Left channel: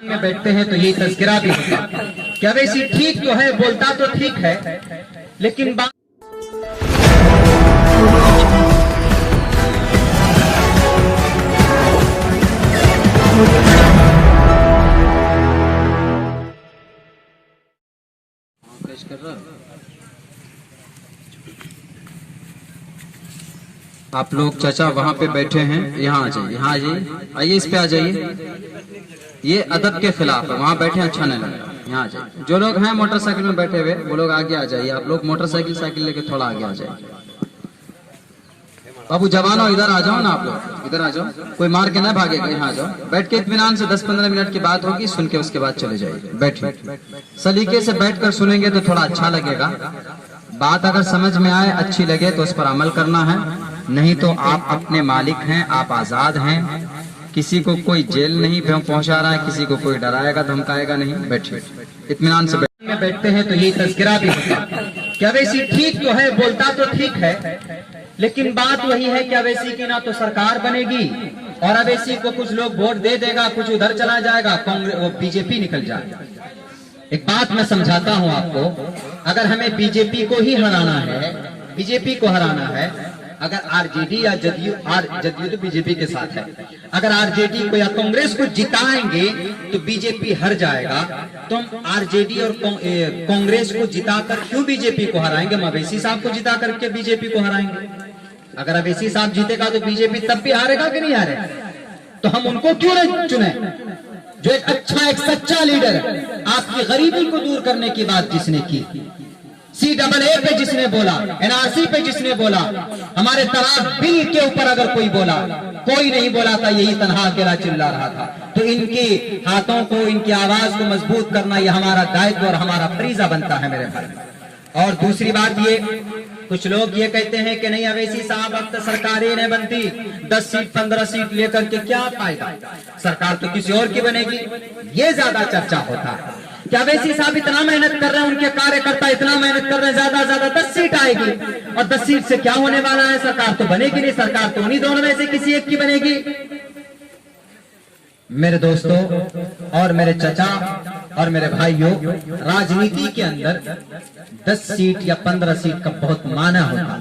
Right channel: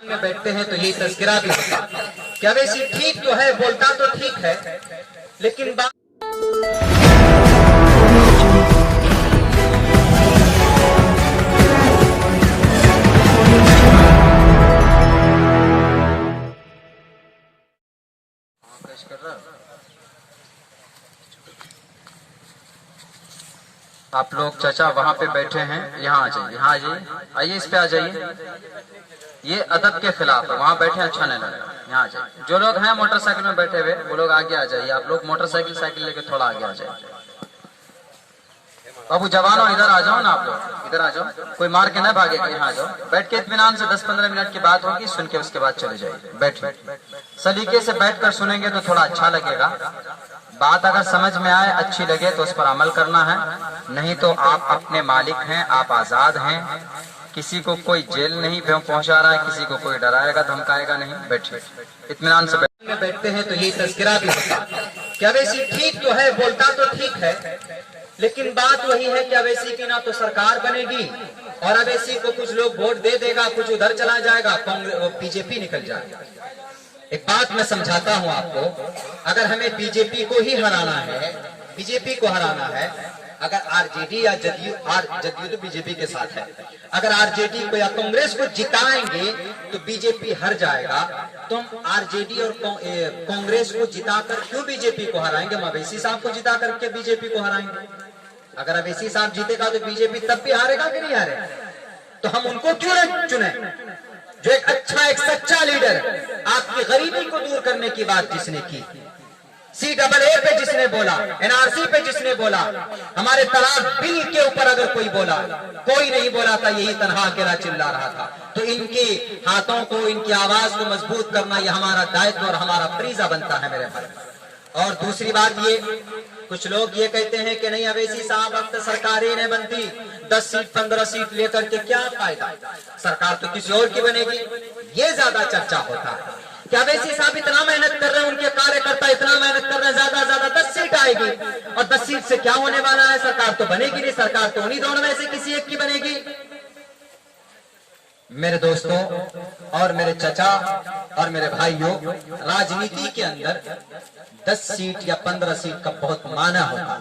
में बैठते हैं तो ये तज़किरा भी होता क्या वैसी ठीक तो है, बोलता तो ठीक है, लेकिन बात कर रहा। आप लोग चाचा वहां पे बैठे हैं, यहाँ आ जाइए, यहाँ आ जाइए, आइए इस पे आ जाइए। ये अदब के खिलाफ है, वहां बैठे अच्छा नहीं लगता, यहाँ आ जाइए। जो लोग हैं मोटरसाइकिल में बैठे हुए वो लोग आगे आ जाइए। आप लोग मोटरसाइकिल साइकिल लेके थोड़ा आगे आ जाइए। बाबू जवानों इधर आ जाओ ना, आप लोग इधर आ जाओ, कोई मार के ना भागेगा। यहाँ आ जाओ, बैठ के इत्मीनान से 10-15 मिनट की बात होगी, सुन के उसके बाद चले जाइए। बैठिए, सलीके से बैठकर सुनेंगे तो थोड़ा अच्छा लगेगा। बात अगर समझ में आए, अच्छी लगे तो उस पर अमल करना है, नहीं तो आप अपने मालिक हैं, आप आजाद हैं। किसी को कोई जेल नहीं पहुंचा रहा है, किसी को कोई डराएगा धमकाएगा नहीं। बैठिए इत्मीनान से बैठते हैं तो ये तज़किरा भी होता क्या वैसी ठीक तो है, बोलता तो ठीक है, लेकिन बात वही है क्या वैसी की ना तो सरकार बनेगी और अवैसी को कुछ लोग वोट दे देगा, कुछ उधर चला जाएगा, कांग्रेस बीजेपी निकल जाएगा। एक बात मैं समझाता हूं आपको, अगर हमें बीजेपी को ही हराना है, बीजेपी को हराना है, अगर आरजेडी या जदयू तो बीजेपी के साथ है, अगर आरजेडी को या कांग्रेस को जिताएंगे तो बीजेपी हार जाएगा। तो हम आरजेडी और कांग्रेस को जिताकर क्यों बीजेपी को हराएंगे? मवेशी साहब को जिता करके बीजेपी को हराएंगे। अगर अवैसी साहब जीतेगा तो बीजेपी तब भी हारेगा कि नहीं हारेगा? तो हम उनको क्यों नहीं चुने? जो एक अच्छा, एक सच्चा लीडर, आपकी गरीबी को दूर करने की बात जिसने की, CAA पे जिसने बोला, NRC पे जिसने बोला, हमारे तलाक बिल के ऊपर अगर कोई बोला, कोई नहीं बोला था, यही तनहा अकेला चिल्ला रहा था। तो इनके हाथों को, इनकी आवाज को मजबूत करना ये हमारा दायित्व और हमारा फरीजा बनता है मेरे भाई। और दूसरी बात ये, कुछ लोग ये कहते हैं कि नहीं अवैसी साहब अब तो सरकारें नहीं बनती, 10 सीट 15 सीट लेकर के क्या फायदा, सरकार तो किसी और की बनेगी, ये ज्यादा चर्चा होता है। क्या अवैसी साहब इतना मेहनत कर रहे हैं, उनके कार्यकर्ता इतना मेहनत कर रहे हैं, ज्यादा 10 सीट आएगी, और 10 सीट से क्या होने वाला है? सरकार तो बनेगी नहीं, सरकार तो उन्हीं दोनों में से किसी एक की बनेगी। मेरे दोस्तों और मेरे चचा और मेरे भाइयों, राजनीति के अंदर 10 सीट या 15 सीट का बहुत माना होता।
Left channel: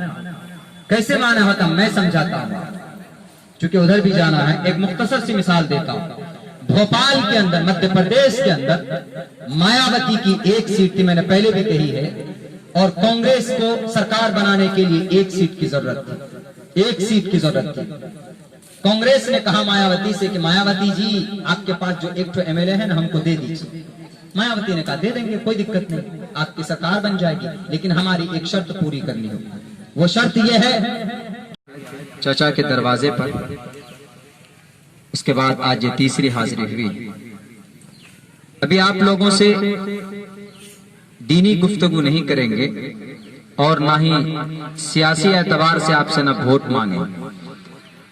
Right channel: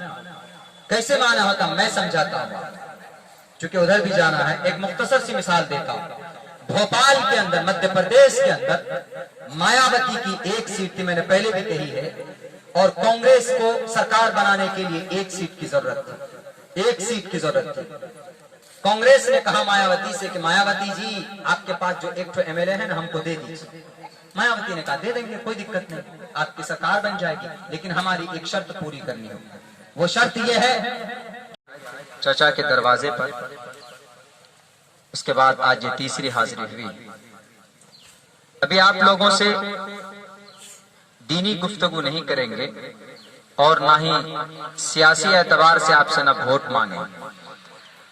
कैसे माना होता मैं समझाता हूं, क्योंकि उधर भी जाना है। एक मुख्तसर सी मिसाल देता हूं। भोपाल के अंदर, मध्य प्रदेश के अंदर मायावती की 1 सीट थी, मैंने पहले भी कही है, और कांग्रेस को सरकार बनाने के लिए 1 सीट की जरूरत थी, 1 सीट की जरूरत थी। कांग्रेस ने कहा मायावती से कि मायावती जी आपके पास जो एक MLA है ना, हमको दे दीजिए। मायावती ने कहा दे देंगे, कोई दिक्कत नहीं, आपकी सरकार बन जाएगी, लेकिन हमारी एक शर्त पूरी करनी होगी। वो शर्त ये है, चाचा के दरवाजे पर, उसके बाद आज ये तीसरी हाजिरी हुई। अभी आप लोगों से दीनी गुफ्तगू नहीं करेंगे और ना ही सियासी एतबार से आपसे ना वोट मांगे,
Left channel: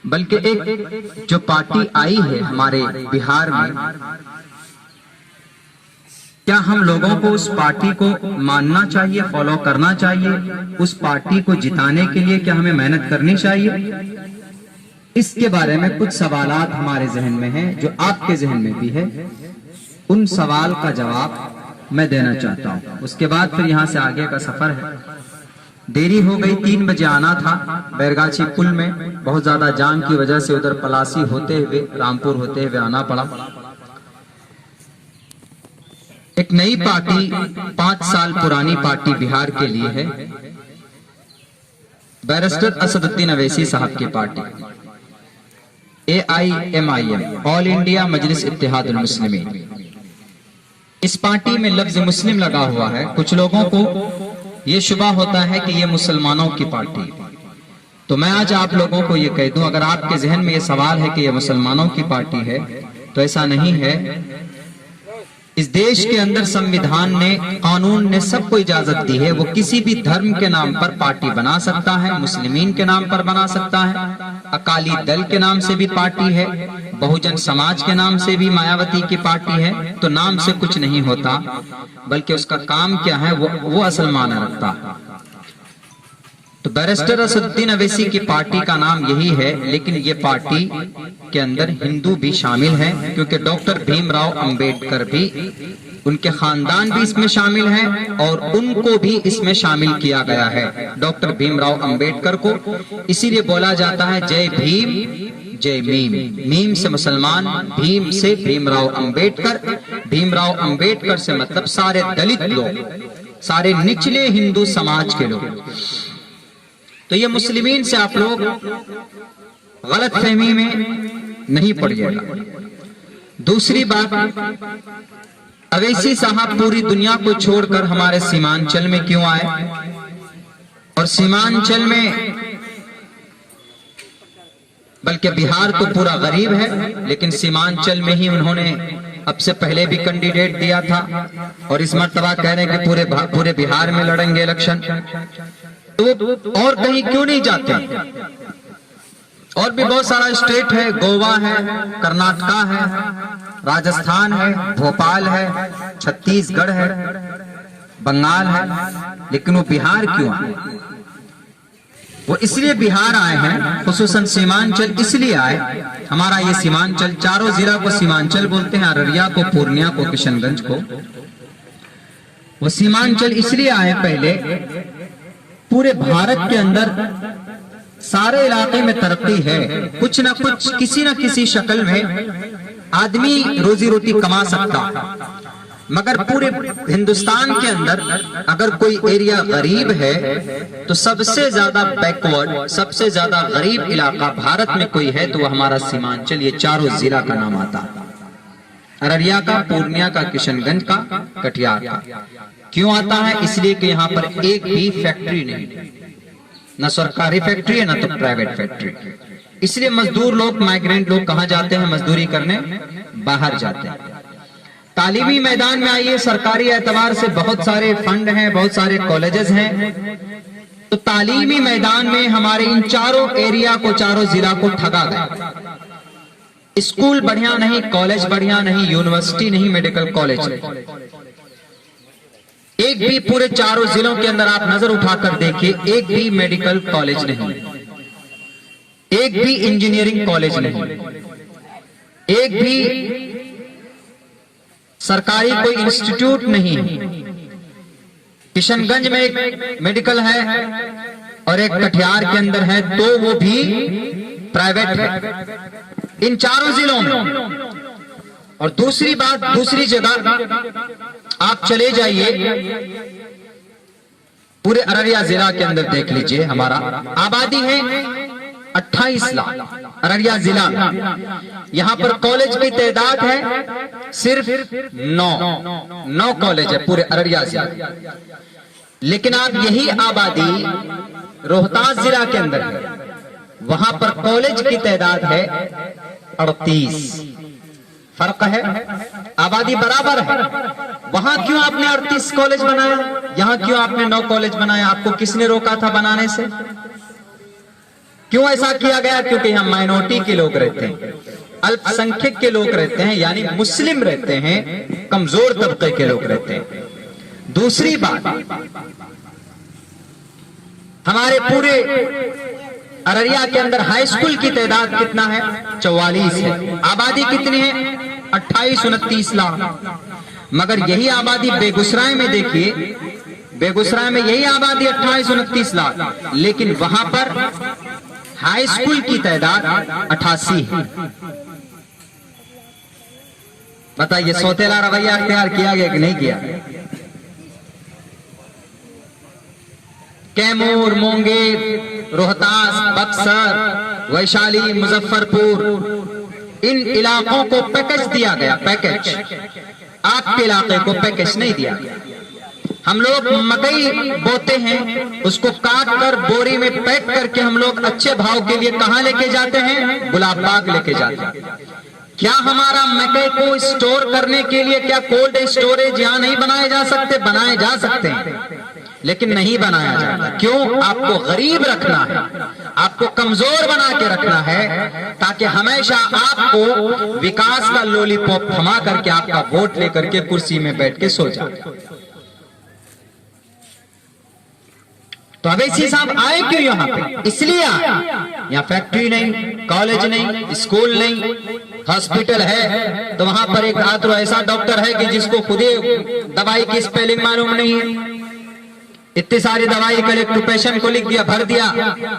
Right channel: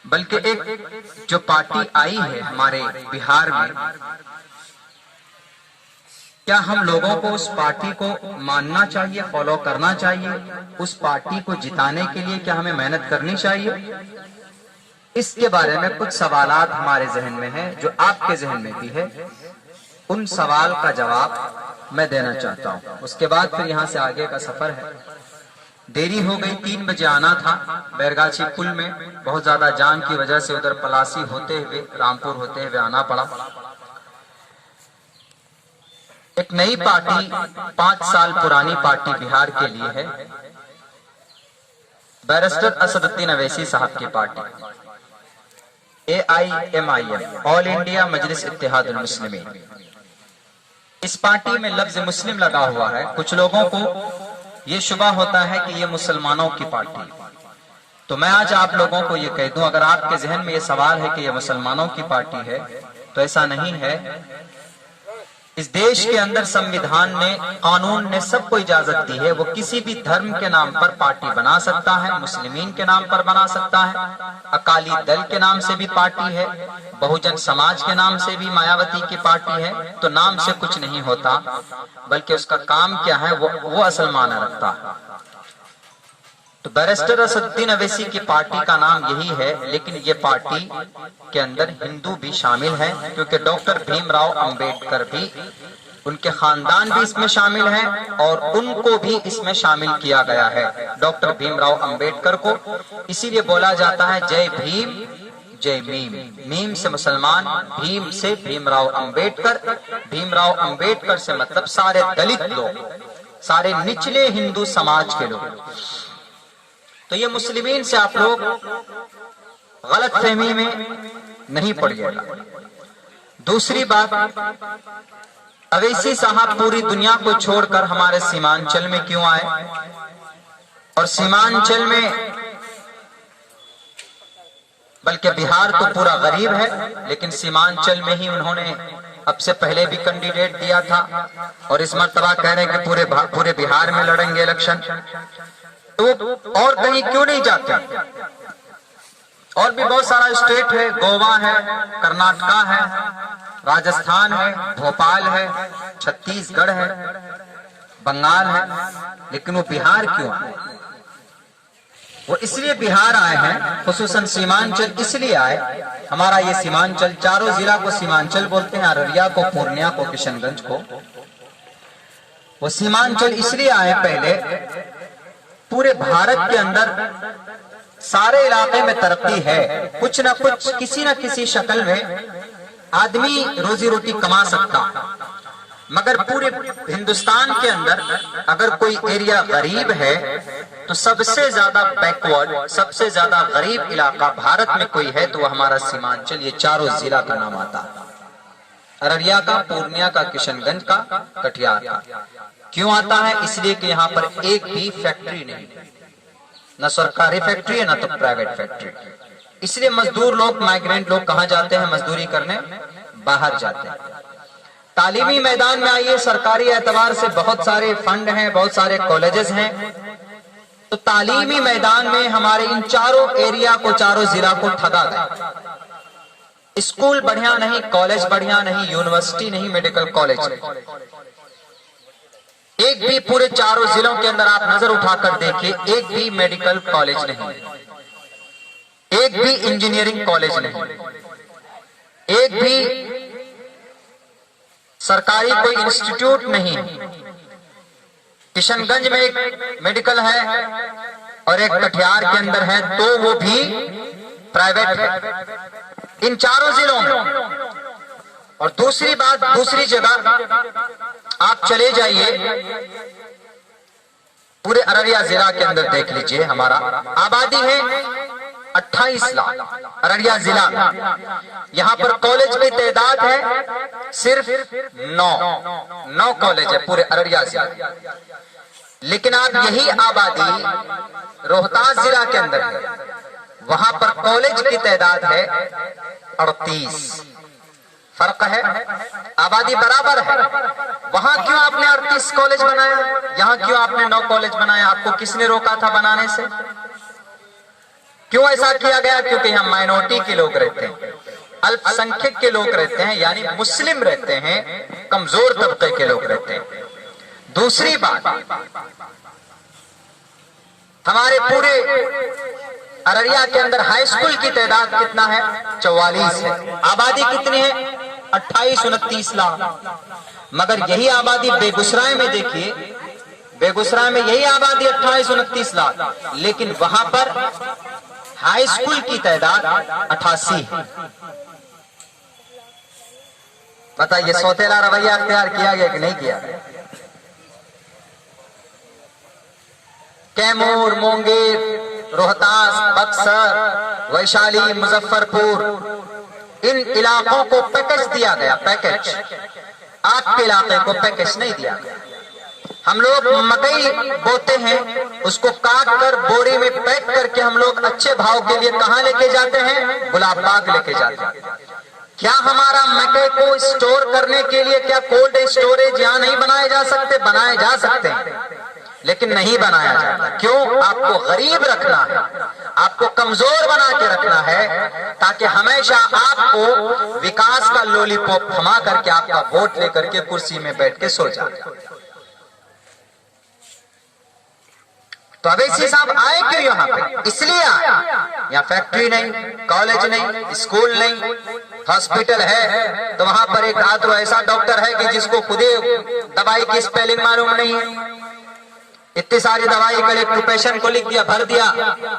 बल्कि एक जो पार्टी आई है हमारे बिहार में, क्या हम लोगों को उस पार्टी को मानना चाहिए, फॉलो करना चाहिए? उस पार्टी को जिताने के लिए क्या हमें मेहनत करनी चाहिए? इसके बारे में कुछ सवालात हमारे जहन में हैं, जो आपके जहन में भी है। उन सवाल का जवाब मैं देना चाहता हूं, उसके बाद फिर यहां से आगे का सफर है। देरी हो गई, 3 बजे आना था। बैरगाछी पुल में बहुत ज्यादा जाम की वजह से उधर पलासी होते हुए, रामपुर होते हुए आना पड़ा। एक नई पार्टी, 5 साल पुरानी पार्टी बिहार के लिए है, बैरिस्टर असदुद्दीन अवैसी साहब की पार्टी, AIMIM, ऑल इंडिया मजलिस इत्तेहादुल मुस्लिमीन। इस पार्टी में लफ्ज मुस्लिम लगा हुआ है। कुछ लोगों को ये शुबा होता है कि ये मुसलमानों की पार्टी, तो मैं आज आप लोगों को ये कह दूं, अगर आपके जहन में ये सवाल है कि ये मुसलमानों की पार्टी है, तो ऐसा नहीं है। इस देश के अंदर संविधान ने, कानून ने सबको इजाजत दी है, वो किसी भी धर्म के नाम पर पार्टी बना सकता है, मुस्लिमीन के नाम पर बना सकता है, अकाली दल के नाम से भी पार्टी है, बहुजन समाज के नाम से भी मायावती की पार्टी है। तो नाम से कुछ नहीं होता, बल्कि उसका काम क्या है वो असल माना रखता है। तो बैरिस्टर असदुद्दीन अवैसी की पार्टी का नाम यही है, लेकिन ये पार्टी के अंदर हिंदू भी शामिल हैं, क्योंकि डॉक्टर भीमराव अंबेडकर भी, उनके खानदान भी इसमें शामिल हैं और उनको भी इसमें शामिल किया गया है, डॉक्टर भीमराव अंबेडकर को। इसीलिए बोला जाता है जय भीम जय मीम। मीम से मुसलमान, भीम से भीमराव अंबेडकर। भीमराव अंबेडकर से मतलब सारे दलित लोग, सारे निचले हिंदू समाज के लोग। तो ये मुस्लिमीन से आप लोग गलत फहमी में नहीं पड़िएगा। दूसरी बात, अवैसी साहब पूरी दुनिया को छोड़कर हमारे सीमांचल में क्यों आए? और सीमांचल में, बल्कि बिहार तो पूरा गरीब है, लेकिन सीमांचल में ही उन्होंने अब से पहले भी कैंडिडेट दिया था और इस मर्तबा कह रहे हैं कि पूरे बिहार में लड़ेंगे इलेक्शन। तो और कहीं क्यों नहीं जाते? और भी बहुत सारा स्टेट है, गोवा है, कर्नाटका है, राजस्थान है, भोपाल है, छत्तीसगढ़ है, बंगाल है, लेकिन वो बिहार क्यों आए? वो इसलिए बिहार आए हैं, खुसूसन सीमांचल इसलिए आए। हमारा ये सीमांचल, चारों जिला को सीमांचल बोलते हैं, अररिया को, पूर्णिया को, किशनगंज को। वो सीमांचल इसलिए आए, पहले पूरे भारत के अंदर सारे इलाके में तरक्की है, कुछ ना कुछ, किसी न किसी शक्ल में आदमी रोजी रोटी कमा सकता, मगर पूरे हिंदुस्तान के अंदर अगर कोई एरिया गरीब है तो सबसे ज्यादा बैकवर्ड, सबसे ज्यादा गरीब इलाका भारत में कोई है तो वो हमारा सीमांचल। ये चारों जिला का नाम आता, अररिया का, पूर्णिया का, किशनगंज का, कटिहार का। क्यों आता है? इसलिए कि यहाँ पर एक भी फैक्ट्री नहीं, न सरकारी फैक्ट्री है, न तो प्राइवेट फैक्ट्री। इसलिए मजदूर लोग, माइग्रेंट लोग कहाँ जाते हैं मजदूरी करने? बाहर जाते हैं। तालीमी मैदान में आइए, सरकारी एतबार से बहुत सारे फंड हैं, बहुत सारे कॉलेजेस हैं। तो तालीमी मैदान में हमारे इन चारों एरिया को, चारों जिला को ठगा गया। स्कूल बढ़िया नहीं, कॉलेज बढ़िया नहीं, यूनिवर्सिटी नहीं, मेडिकल कॉलेज नहीं। एक भी पूरे चारों जिलों के अंदर आप नजर उठाकर देखिए, एक भी मेडिकल कॉलेज नहीं, एक भी इंजीनियरिंग कॉलेज नहीं, एक भी सरकारी कोई इंस्टीट्यूट नहीं। किशनगंज में एक मेडिकल है और एक कटिहार के अंदर है, तो वो भी प्राइवेट है इन चारों जिलों में। और दूसरी बात, दूसरी जगह आप चले जाइए, पूरे अररिया जिला के अंदर देख लीजिए, हमारा आबादी है 28 लाख अररिया जिला में। यहाँ पर कॉलेज की तादाद है सिर्फ 9 कॉलेज है पूरे अररिया जिला। लेकिन आप यही आबादी रोहतास जिला के अंदर है, वहां पर कॉलेज की तादाद है 38। फर्क है, आबादी बराबर है। वहां क्यों आपने 38 कॉलेज बनाया, यहाँ क्यों आपने 9 कॉलेज बनाया? आपको किसने रोका था बनाने से? क्यों ऐसा किया गया? क्योंकि यहाँ माइनॉरिटी के लोग रहते हैं, अल्पसंख्यक के लोग रहते हैं, यानी मुस्लिम रहते हैं, कमजोर तबके के लोग रहते हैं। दूसरी बात, हमारे पूरे अररिया के अंदर हाई स्कूल की तादाद कितना है? 44 है। आबादी कितनी है? 28-29 लाख। मगर यही आबादी बेगूसराय में देखिए, बेगूसराय में यही आबादी 28-29 लाख, लेकिन वहां पर हाई स्कूल की तादाद 88 है। बताइए, सौतेला रवैया अख्तियार किया गया कि नहीं किया? कैमूर, मुंगेर, रोहतास, बक्सर, वैशाली, मुजफ्फरपुर, इन इलाकों को पैकेज दिया गया, पैकेज। आपके इलाके को पैकेज नहीं दिया गया। हम लोग मकई बोते हैं, उसको काट कर बोरी में पैक करके हम लोग अच्छे भाव के लिए कहाँ लेके जाते हैं? गुलाब बाग लेके जाते हैं। क्या हमारा मकई को स्टोर करने के लिए क्या कोल्ड स्टोरेज यहाँ नहीं बनाए जा सकते? बनाए जा सकते हैं, लेकिन नहीं बनाया जाता। क्यों? आपको गरीब रखना है, आपको कमजोर बना के रखना है, ताकि हमेशा आपको विकास का लॉलीपॉप थमा करके आपका वोट लेकर के कुर्सी में बैठ के सो जाए। तो अवैसी साहब आए क्यों यहाँ पे? इसलिए आए। यहाँ फैक्ट्री नहीं, कॉलेज नहीं, स्कूल नहीं, हॉस्पिटल है तो वहां पर एक आध ऐसा डॉक्टर है कि जिसको खुदे दवाई की स्पेलिंग मालूम नहीं है। इतनी सारी दवाई कलेक्ट पेशेंट को लिख दिया, भर दिया।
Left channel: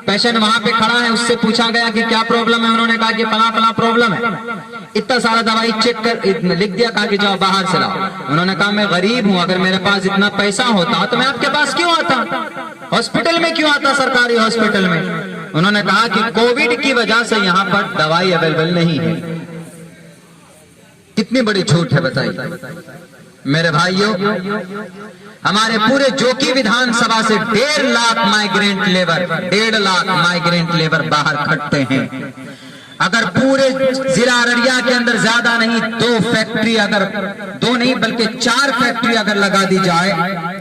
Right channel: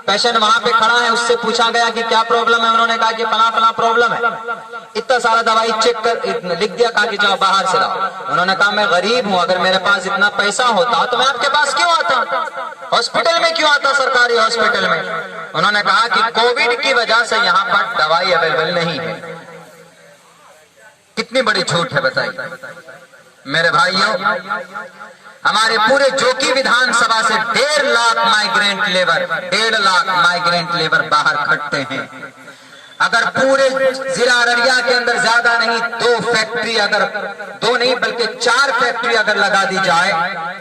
पेशेंट वहां पे खड़ा है, उससे पूछा गया कि क्या प्रॉब्लम है, उन्होंने कहा कि फला फला प्रॉब्लम है। इतना सारा दवाई चेक कर लिख दिया, कहा कि जाओ बाहर से लाओ। उन्होंने कहा मैं गरीब हूं, अगर मेरे पास इतना पैसा होता तो मैं आपके पास क्यों आता, हॉस्पिटल में क्यों आता, सरकारी हॉस्पिटल में। उन्होंने कहा कि कोविड की वजह से यहाँ पर दवाई अवेलेबल नहीं है। कितनी बड़ी झूठ है बताइए मेरे भाइयों। हमारे पूरे जोकी विधानसभा से 1.5 lakh migrant labour, 1.5 lakh migrant labour बाहर खटते हैं। अगर पूरे जिला अररिया के अंदर ज्यादा नहीं 2 फैक्ट्री, अगर 2 नहीं बल्कि 4 फैक्ट्री अगर लगा दी जाए,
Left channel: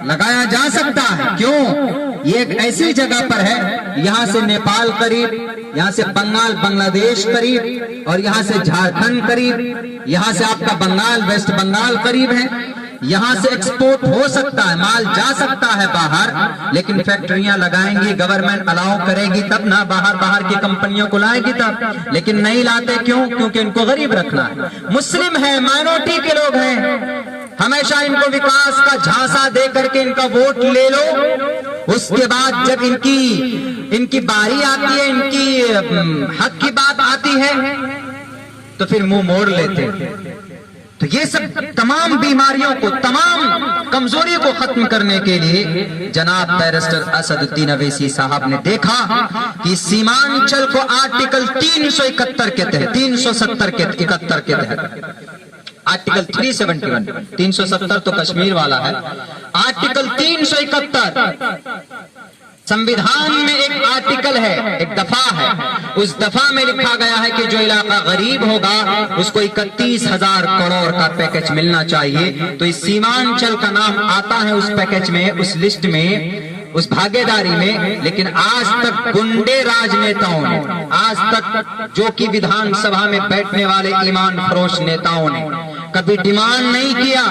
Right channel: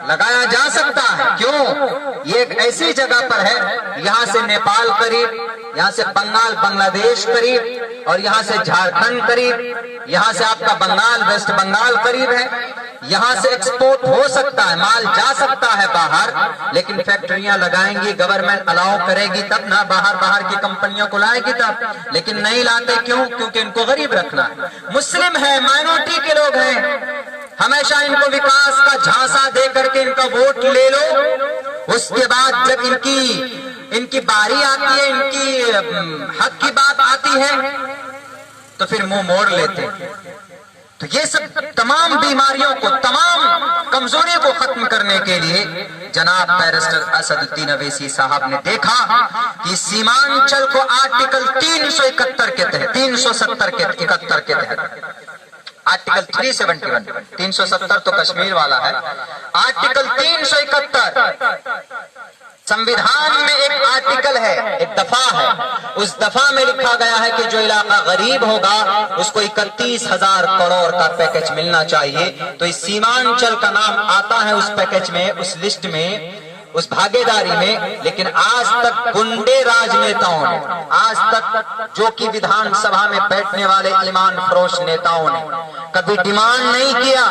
लगाया जा सकता है। क्यों? ये एक ऐसी जगह पर है, यहाँ से नेपाल करीब, यहाँ से बंगाल बांग्लादेश करीब, और यहाँ से झारखंड करीब, यहाँ से आपका बंगाल वेस्ट बंगाल करीब है। यहाँ से एक्सपोर्ट हो सकता है, माल जा सकता है बाहर, लेकिन फैक्ट्रियां लगाएंगी, गवर्नमेंट अलाउ करेगी तब ना, बाहर की कंपनियों को लाएगी तब। लेकिन नहीं लाते क्यों? क्योंकि इनको गरीब रखना है, मुस्लिम है, माइनॉरिटी के लोग हैं। हमेशा इनको विकास का झांसा दे करके इनका वोट ले लो, उसके बाद जब इनकी बारी आती है, इनकी हक की बात आती है तो फिर मुंह मोड़ लेते हैं। तो ये सब तमाम बीमारियों को, तमाम कमजोरी को खत्म करने के लिए जनाब बैरिस्टर असदुद्दीन अवैसी साहब ने देखा कि सीमांचल को आर्टिकल 371 के तहत, 370 के 71 के तहत, आर्टिकल 371, 370 तो कश्मीर वाला है, आर्टिकल 371 संविधान में एक आर्टिकल है, एक दफा है। उस दफा में लिखा गया है कि जो इलाका गरीब होगा उसको 31,000 करोड़ का पैकेज मिलना चाहिए। तो इस सीमांचल का नाम आता है उस पैकेज में, उस लिस्ट में, उस भागीदारी में। लेकिन आज तक गुंडे राजनेताओं ने, आज तक जो कि विधानसभा में बैठने वाले ईमान फरोश नेताओं ने कभी डिमांड नहीं किया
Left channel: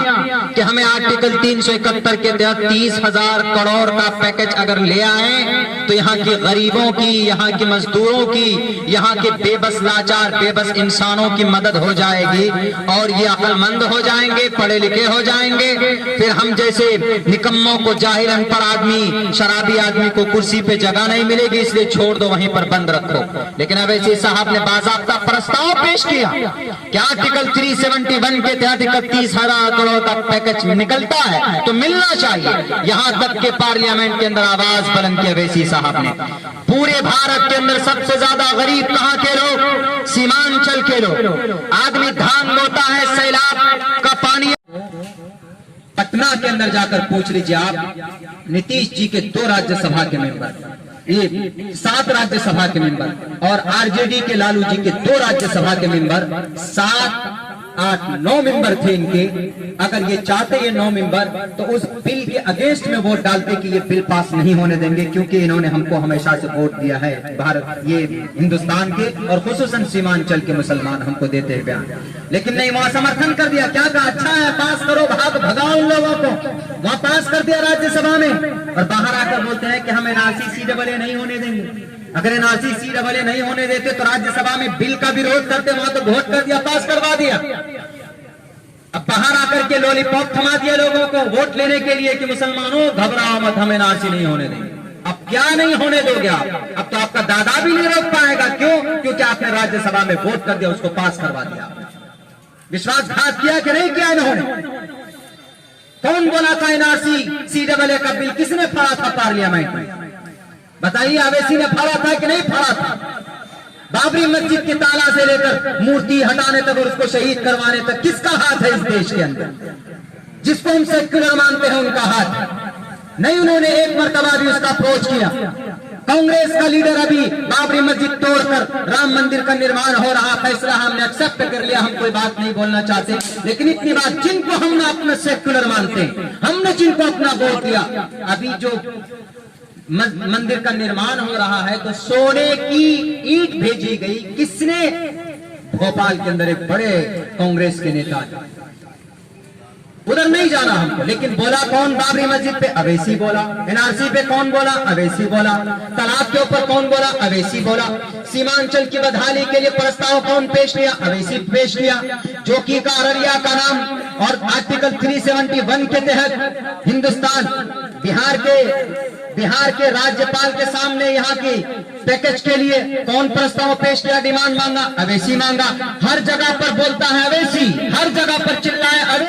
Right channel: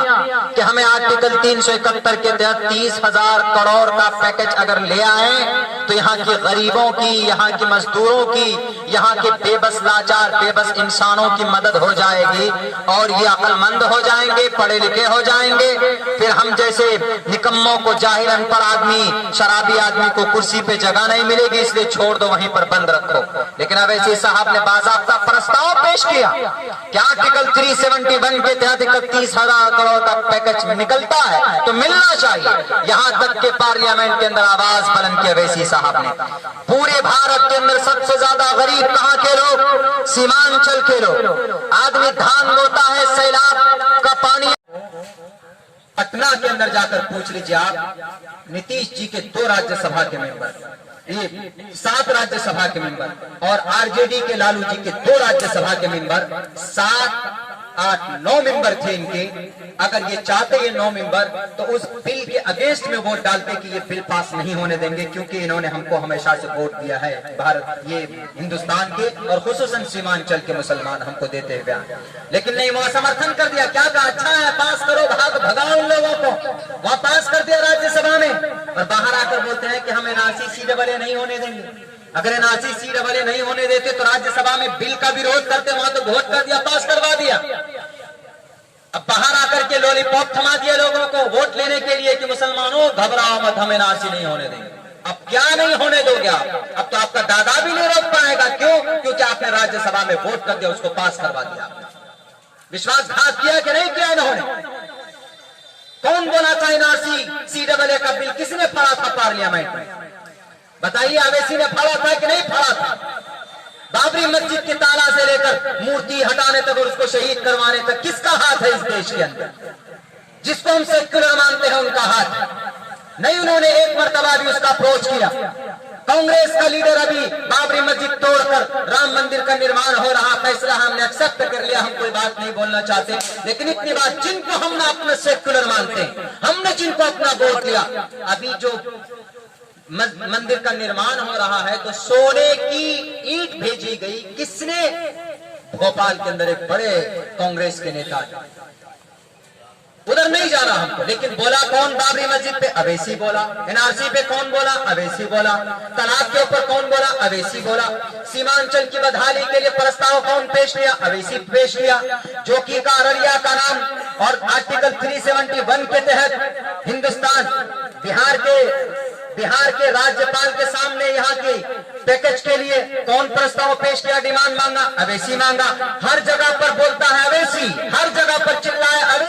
कि हमें आर्टिकल 371 के तहत 30,000 करोड़ का पैकेज अगर ले आए तो यहाँ के गरीबों की, यहाँ के मजदूरों की, यहाँ के बेबस लाचार बेबस इंसानों की मदद हो जाएगी और ये अक्लमंद हो जाएंगे, पढ़े लिखे हो जाएंगे। फिर हम जैसे निकम्मों को, जाहिर अनपढ़ आदमी, शराबी आदमी को कुर्सी पे जगह नहीं मिलेगी, इसलिए छोड़ दो, वहीं पर बंद रखो। लेकिन अवैसी साहब ने बाज़ाब्ता प्रस्ताव पेश किया कि आर्टिकल 371 के तहत 31,000 करोड़ का पैकेज निकलता है तो मिलना चाहिए। यहां तक के पार्लियामेंट के अंदर आवाज बुलंद की अवैसी साहब ने। पूरे भारत के अंदर सबसे ज्यादा गरीब कहां के लोग? सीमांचल के लोग। आदमी धान बोता है, सैलाब का पानी। पटना के अंदर जाकर पूछ लीजिए आप, नीतीश जी के 2 राज्यसभा के मेंबर, ये 7 राज्यसभा के मेंबर, और आरजेडी के लालू जी के 2 राज्यसभा के मेंबर, 7, 8, 9 मेंबर थे इनके। अगर ये चाहते ये 9 मेंबर तो उस बिल के अगेंस्ट में वोट डालते कि ये बिल पास नहीं होने देंगे, क्योंकि इन्होंने हमको हमेशा से वोट दिया है, भारत, ये हिंदुस्तान के और खुसूसन सीमांचल के मुसलमान हमको देते हैं प्यार। लेकिन नहीं, वहां समर्थन कर दिया। क्या कहा? अच्छा है, पास करो, भगाओ उन लोगों को। वहां पास कर दिया राज्यसभा में, और बाहर आकर बोलते हैं कि हम एनआरसी सीडब्ल्यू नहीं होने देंगे। अगर एनआरसी सीडब्ल्यू नहीं होने देते तो राज्यसभा में बिल का विरोध करते, वहां तो वोट कर दिया, पास करवा दिया। अब बाहर आकर के लॉलीपॉप थमा दिया लोगों को वोट लेने के लिए कि मुसलमानों घबराओ मत, हम एनआरसी नहीं होने देंगे। अब क्या नहीं होने दोगे आप? अब तो आपका दादा भी नहीं रोक पाएगा। क्यों? क्योंकि आपने राज्यसभा में वोट कर दिया, उसको पास करवा दिया। विश्वासघात किया कि नहीं किया इन्होंने? कौन बोला था एनआरसी सीडब्ल्यू का बिल किसने फाड़ा था पार्लियामेंट में? बताइए, अवैसी ने फाड़ा था कि नहीं फाड़ा था? बाबरी मस्जिद के ताला से लेकर मूर्ति हटाने तक और उसको शहीद करवाने तक किसका हाथ है इस देश के अंदर? जिसको हम सेक्युलर मानते हैं उनका हाथ है। नहीं, उन्होंने एक मर्तबा भी उसका अप्रोच किया। कांग्रेस का लीडर अभी बाबरी मस्जिद तोड़कर राम मंदिर का निर्माण हो रहा, फैसला हमने एक्सेप्ट कर लिया, हम कोई बात नहीं बोलना चाहते। लेकिन इतनी बात, जिनको हम अपना सेक्युलर मानते हैं, हमने जिनको अपना वोट दिया, अभी जो मंदिर का निर्माण हो रहा है तो सोने की ईंट भेजी गई। किसने? भोपाल के अंदर एक बड़े कांग्रेस के नेता, उधर नहीं जाना हमको। लेकिन बोला कौन बाबरी मस्जिद पे? अवैसी बोला। एनआरसी पे कौन बोला? अवैसी बोला। तलाक के ऊपर कौन बोला? अवैसी बोला। सीमांचल की बदहाली के लिए प्रस्ताव कौन पेश किया? अवैसी पेश किया। जोकी का अररिया का नाम और आर्टिकल 371 के तहत हिंदुस्तान बिहार के राज्यपाल के सामने यहाँ की पैकेज के लिए कौन प्रस्ताव पेश किया? डिमांड मांगा? अवैसी मांगा। हर जगह पर बोलता है अवैसी, हर जगह पर चिल्लाया अवैसी।